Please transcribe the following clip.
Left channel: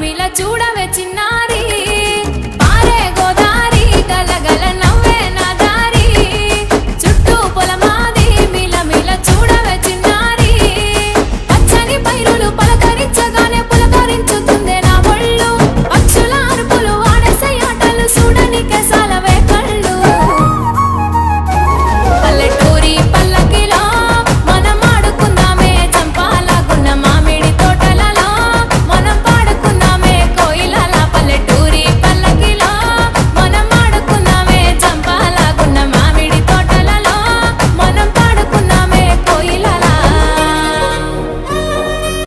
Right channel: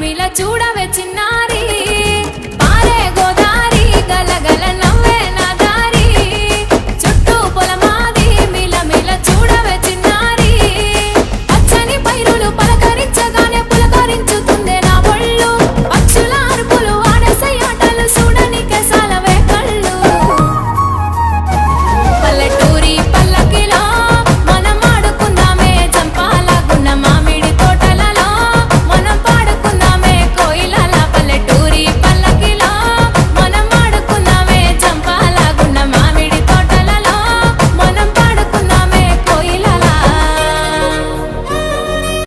మిల చూడవే చిన్నారి పారే గోదారి గలగల నవ్వే నా దారి చుట్టూ పొలమాది మిల చూడవే చిన్నారి